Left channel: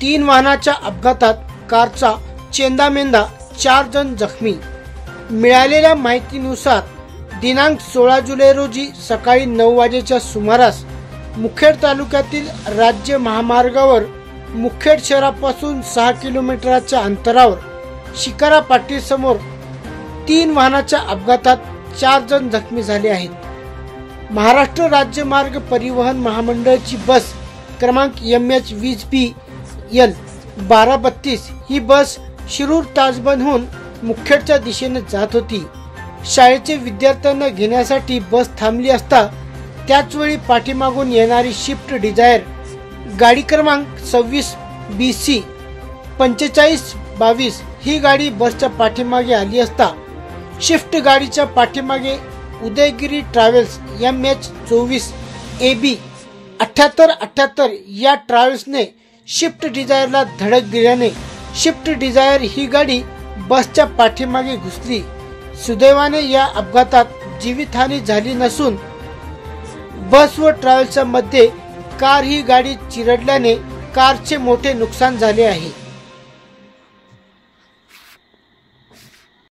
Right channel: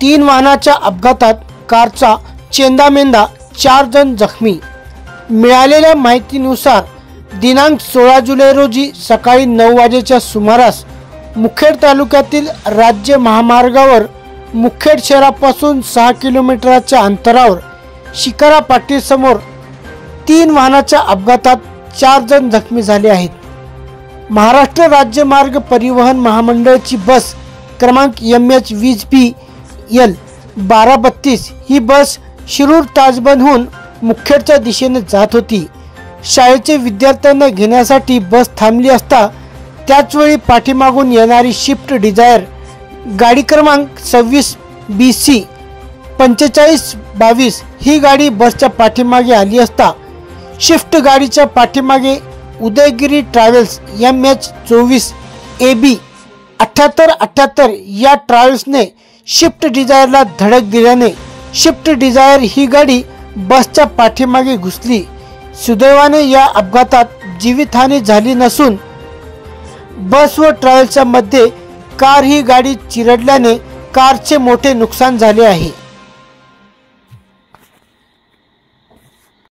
तीन वाहनाच्या अपघातात कारचा चेंदामेंदा, 4 जण जखमी। मिळालेल्या माहितीनुसार दिनांक 16 जुलै रोजी सकाळी 9 वाजेच्या सुमारास मुखेड तालुक्यातील राज्य महामार्गावर मुखेड शहरापासून 6 किलोमीटरच्या अंतरावर शिकारा पाटील समोर 3 वाहनाच्या अपघातात 4 जण जखमी झाले आहेत। महाराष्ट्र राज्य मार्ग परिवहन महामंडळाची बस क्रमांक MH20BL 1232 ही बस शिरूर ताजबंदहून मुखेडच्या दिशेने जात होती। शाळेचे विद्यार्थ्यांना घेण्यासाठी बस थांबली असता त्याचवेळी पाठीमागून येणारी शिफ्ट डिझायर गाडी क्रमांक 26BC 4522 ही गाडी बसच्या पाठीमागे आली असता शिफ्ट गाडीच्या पाठीमागे उदयगिरी ट्रॅव्हल्स MH24AB 7878 या ट्रॅव्हल्सने शिफ्ट डिझायरला धडक दिल्याने शिफ्ट डिझायर ही गाडी बसच्या पाठीमागे घुसली। सुदैवाने या अपघातात जीवितहानी झाली नसून बस व ट्रॅव्हल्सच्या मध्ये कार ही गाडी चिरडल्याने कारचे मोठे नुकसान झाले आहे।